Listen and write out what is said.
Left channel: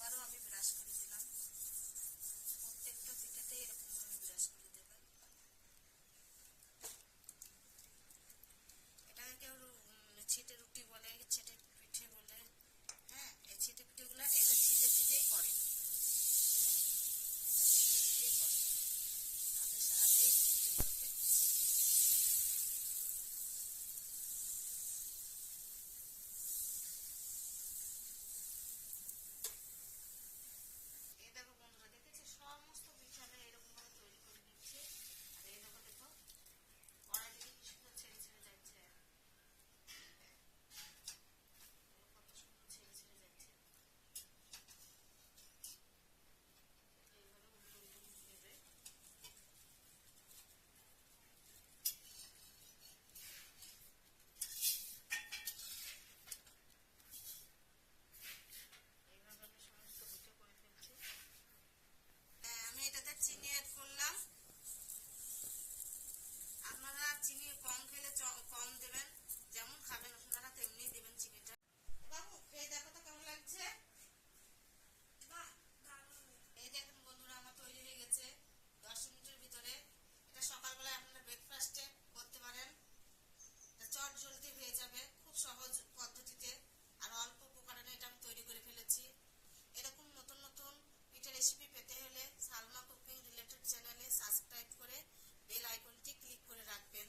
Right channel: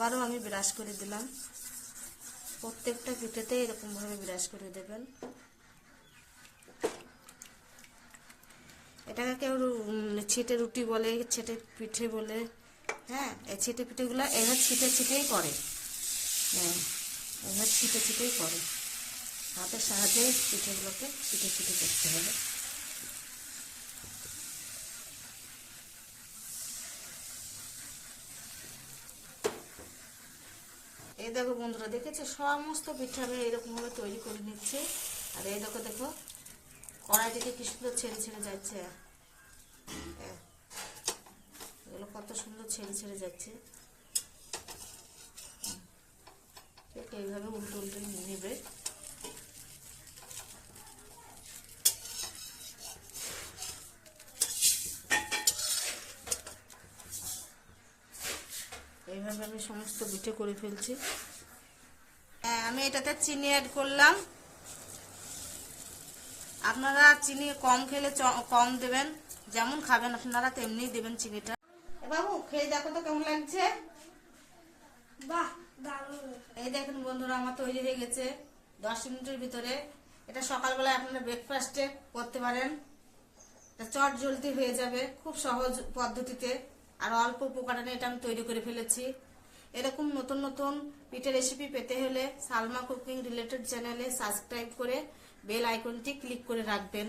আবারও আমি ব্রাশ করে দিলাম। প্রত্যেকটা পিঠেতে এরকমভাবে ব্রাশ করে দেবেন। এটাকে কেউ ছিটে রুটি বলে, ছিটে পিঠে বলে। হ্যাঁ, এই ছিটে পিঠেগুলো এবার ছিটে ছিটেই করে। হ্যাঁ, এবার ছিটে ছিটেই করে। হাতের সাহায্যে পিঠেগুলোকে ছিটে ছিটে করতে হবে। এই দেখো বন্ধুরা, দেখেছো সমস্ত পিঠা আমি এরকমভাবে তৈরি করে নিচ্ছি। আর এই দেখো দেখো কড়াই থেকে কি সুন্দর ছেড়ে ছেড়ে যাচ্ছে। এগুলো কত সুন্দর ছেড়ে ছেড়ে যাচ্ছে। ঠিক এইভাবে উল্টো উল্টে নেবে। এইভাবে আমি সমস্ত পিঠে করে ফেলছি। হ্যাঁ, আমি এটাতে চিনি অ্যাড করলাম। আপনারা চিনি কম খেলে কম দেবেন, যেমন খাবেন আপনারা তেমনি দেবেন চিনিটা। বাবু খেয়ে দেখো তো কেমন লাগছে। বাহ, দারুণ। এই দেখেন বন্ধুরা, আমার তৈরি হয়ে গেছে 10 মিনিটের ভিতরে। এটা সকালবেলায় আপনারা ব্রেকফাস্টে করতে পারেন। চট জলদি হয়ে যাবে, খুব সহজ পদ্ধতিতে আর অল্প উপকরণে এটা আমি তৈরি করে ফেলেছি। এরকম নতুন নতুন পিঠে রেসিপি পেতে হলে সালমা কুকিং রিলেটেড চ্যানেলে সাবস্ক্রাইব করে বেল আইকনটি ক্লিক করে রাখবেন।